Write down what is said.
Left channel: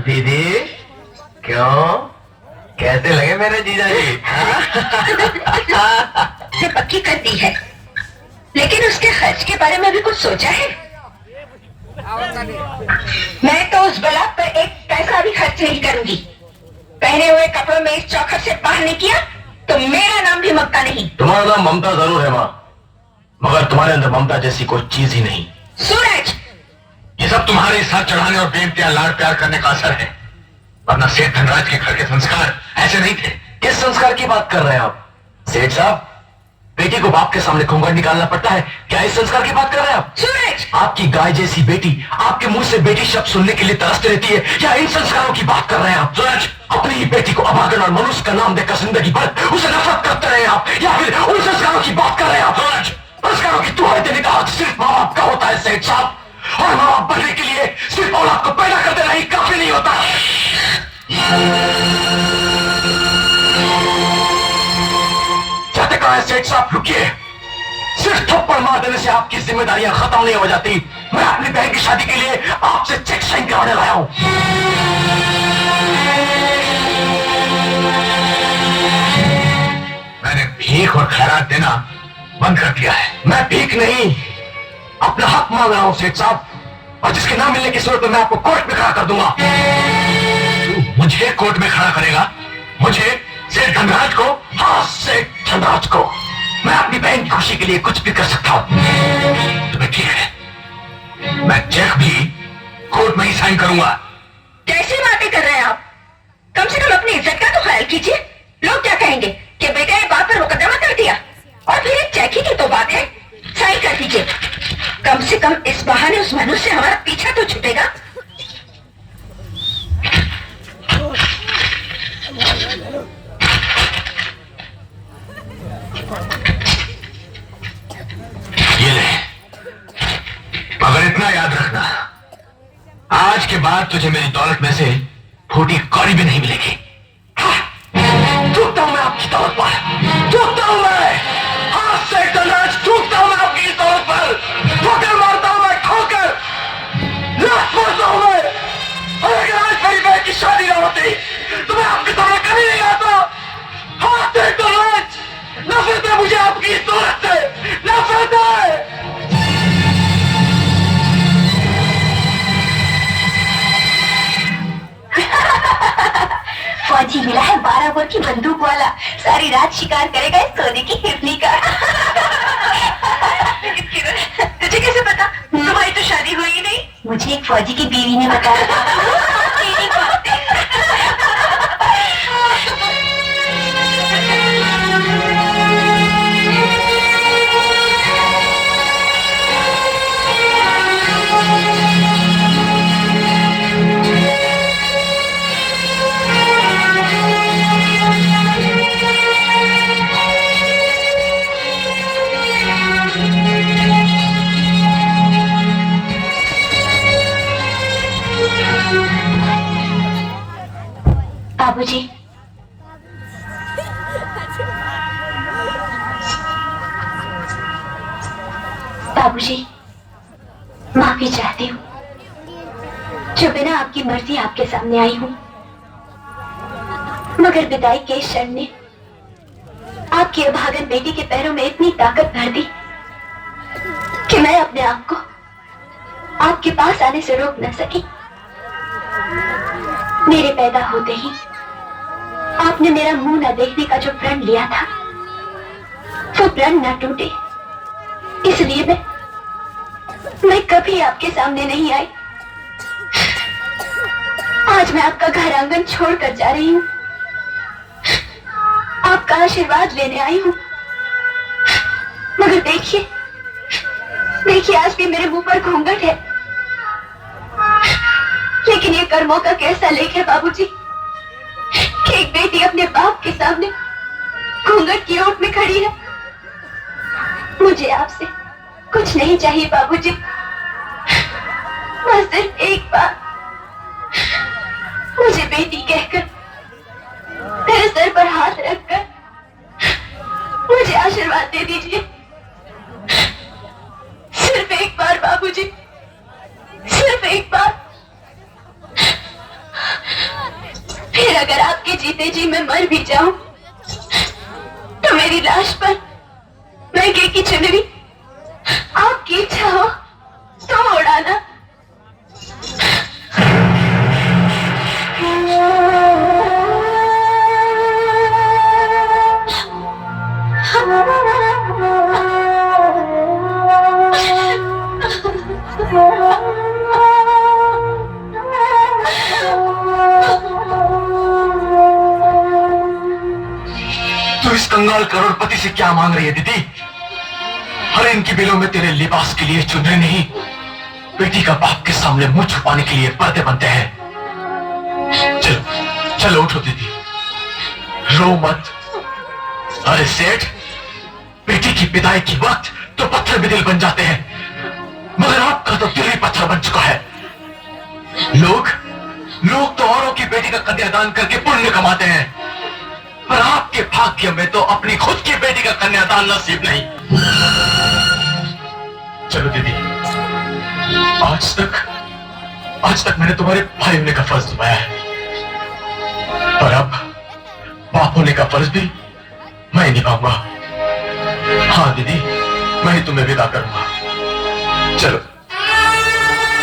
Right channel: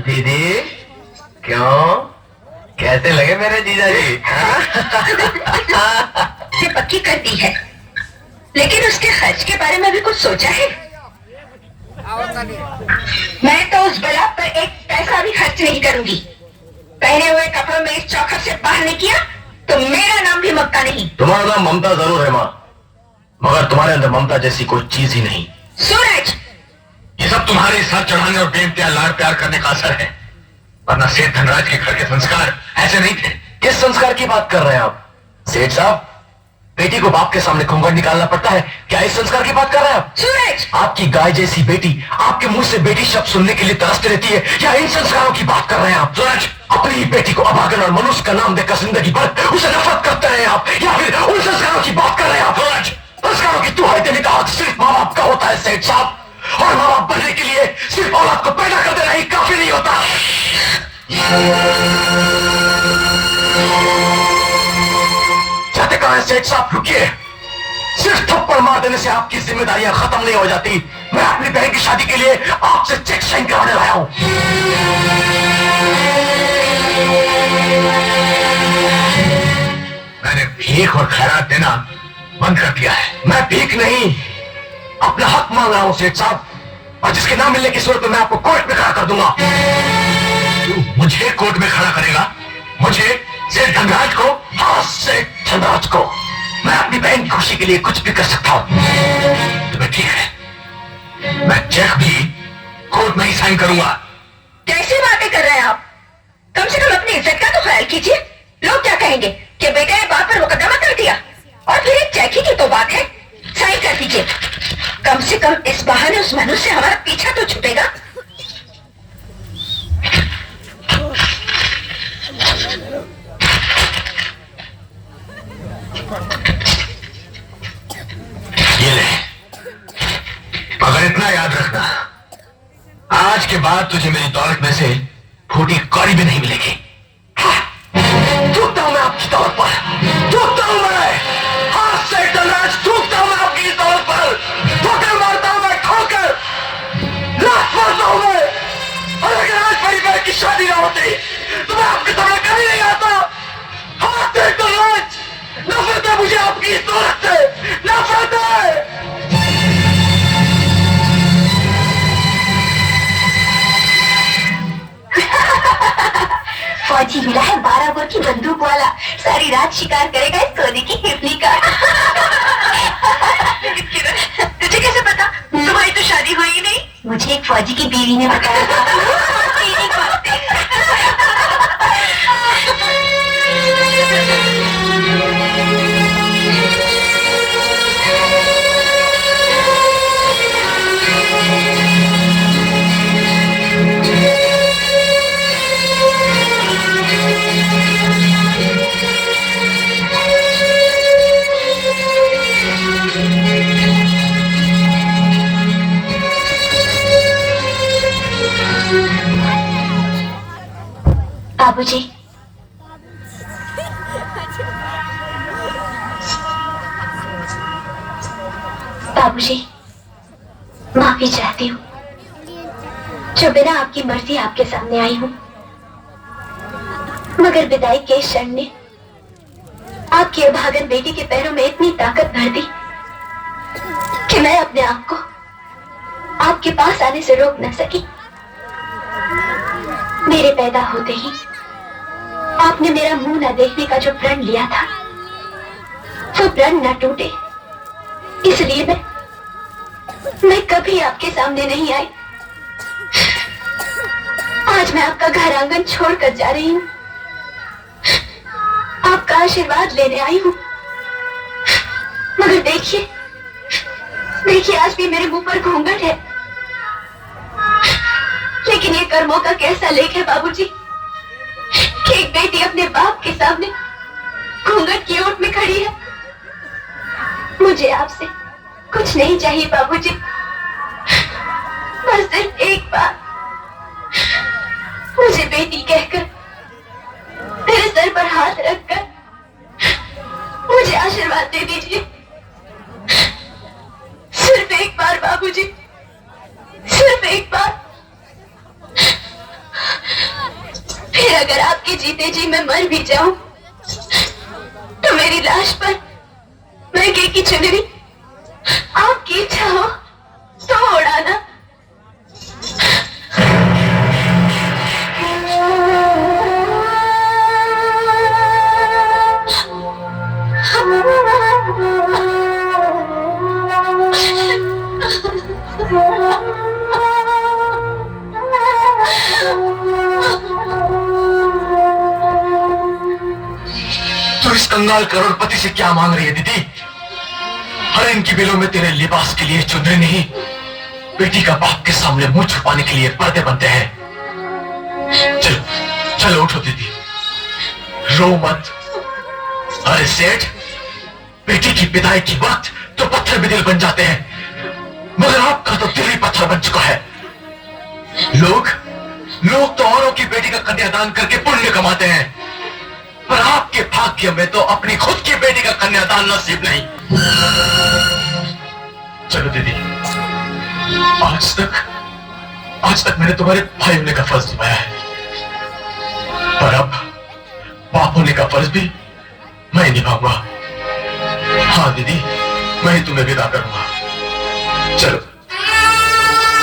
दीदी क्यों, कैसे लगे मेरे जीजा जी? ये पक्की कर दी है, लेकिन उसके खर्च के बारे में भी कुछ सोचा है? मैं तो उस बला पर एक पैसा भी खर्च नहीं करूंगी। पहने हुए कपड़ों में इस चौखट से बाहर नहीं किया तो मेरा नाम भी ममता नहीं। तुम्हारा नाम ममता जरूर है माँ, मगर तुम्हारे अंदर ममता जैसी कोई चीज ही नहीं। सूरज, ये सब तुम्हारे सर चढ़ाने और प्रेम प्यार लाड प्यार करने का असर है, वरना सेठ धनराज के घर के संस्कार ऐसे नहीं थे। किस संस्कार की बात कर रहे हैं आप सेठ साहब? बेटी को बाप के सामने घूंघट निकालना पड़ता है, क्या इस संस्कार की बात कर रहे हैं आप? सूरज, आपकी गाय जैसी बेटी आपके मुंह से बेटी शब्द सुनने के लिए तरसती रहती है, या इन संस्कारों की बात कर रहे हैं आप? सूरज, अपनी ही बेटी को अभागन और मनुष्य का नाम देकर जिंदगी भर उसे नफरत करते रहे आप, या फिर उन संस्कारों की बात कर रहे हैं आप? सूरज, संस्कारों की दुहाई देने का हक सिर्फ माँ बाप का होता है सेठ साहब, और माँ बाप बनने के लिए सिर्फ औलाद को पैदा कर देना ही काफी नहीं होता। जाते कहा है सेठ साहब, रुकिए। सिर्फ थप्पड़ मार देने से आपकी जिम्मेदारियां खत्म नहीं हो जाती। मैं अपनी बहन की शादी के लिए आपसे चेक साइन करवाने लाया हूं। मैंने भीख और खैरात देना बंद कर दिया है। मैं भीख नहीं, अपना हक मांग रहा हूं सेठ साहब, और जिसके ना मिलने की सूरत में मैं आपको कोर्ट में खड़ा कर दूंगा। तू मुझे कोर्ट में खड़ा करेगा? मुझे, सेठ धनराज को? हाँ, सेठ धनराज को। मैं अपनी बहन की खुशी के लिए कुछ भी कर सकता हूं। तुम्हें ठीक है, मैं चेक भी कोर्ट में ही साइन करूंगा। कैसी बातें कर रहे हैं आप? कम से कम अपनी इज्जत का तो ख्याल कीजिए। लोग क्या कहेंगे कि बेटे ने बाप पर मुकदमा कर दिया, और फिर एक चेक ही की तो बात है, साइन कर दीजिए। कम से कम इस बहाने उस मनुष्य से हमारा पीछा तो छूटेगा। ये ले, मगर इतना याद रखना, आज के बाद तुझे मेरी दौलत में से फूटी कौड़ी भी नहीं मिलेगी। थूकता हूं मैं आपकी दौलत पर, थूकता हूं मैं। हाँ सेठ धनराज, थूकता हूं मैं आपकी दौलत पर, ठोकर मारता हूं मैं, ठोकर लात मारता हूं मैं। और अगर आज मेरी बहन की शादी ना होती तो मैं आपके सामने कभी नहीं आता। हाँ सेठ धनराज, नफरत है मुझे आपकी इस दौलत से, नफरत है। फौजी मिला है 12 बोर की बंदूक वाला, सारी रात शिकार करेगा इस सोने की हिरनी का। तुझे कैसे पता? तुम्हारी तो शादी हुई ही नहीं। मुझे एक फौजी की बीवी ने बताया था। बाबूजी, बाबूजी, माफी चाहती हूँ जो बिना आपकी मर्जी आपके सामने आई हूँ, मगर विदाई के क्षण ने आपकी अभागन बेटी के पैरों में इतनी ताकत भर दी कि मैं अपने आप को आपके पास आने से रोक न सकी। मेरे पैदा होते ही आपने मेरा मुंह न देखने का जो प्रण लिया था, वो प्रण न टूटे, इसलिए मैं कभी आपके सामने नहीं आई। आज मैं आपका घर आंगन छोड़कर जा रही हूँ, आपका आशीर्वाद लेने आई हूँ, मगर देखिए देखिए, आज भी मेरे मुंह पर घूंघट है, लेकिन ये कर्मों का कैसा लेख है बाबूजी कि एक बेटी अपने बाप के सामने घूंघट की ओट में खड़ी है। मुझे आपसे कुछ नहीं चाहिए बाबूजी, बस सिर्फ एक बार मुझे बेटी कहकर तेरे सर पर हाथ रखकर मुझे आशीर्वाद दे दीजिए। सिर्फ एक बार बाबूजी, सिर्फ एक बार। फिर अगर आपके जीते जी मैं मर भी जाऊं तो मेरी लाश पर महंगे की चुनरी आपकी इच्छा हो तो उड़ाना। तू इस कंगाल करोड़पति से क्या मांग रही है दीदी? हर इनकी बिलों में तेरे लिबास के लिए चुनरी नहीं, बेटी का बाप के सामने मुंह छुपाने के लिए पर्दे बनते हैं। चलो चलो उठो दीदी, रो मत। अरे सेठ, बेटी की विदाई की वक्त तो पत्थर भी दिल बन जाते हैं, मगर आपका तो दिल ही पत्थर बन चुका है। लोग तो औरों की बेटी का कन्यादान करके पुण्य कमाते हैं, पर आपके भाग्य में तो अपनी खुद की बेटी का कन्यादान नसीब नहीं। चलो दीदी, आज तक मैंने तुम्हारे भाई होने का फर्ज निभाया है, पर अब बाप होने का फर्ज भी मैं निभाऊंगा। हाँ दीदी, मैं ही तुम्हें विदा करूंगा। चलो।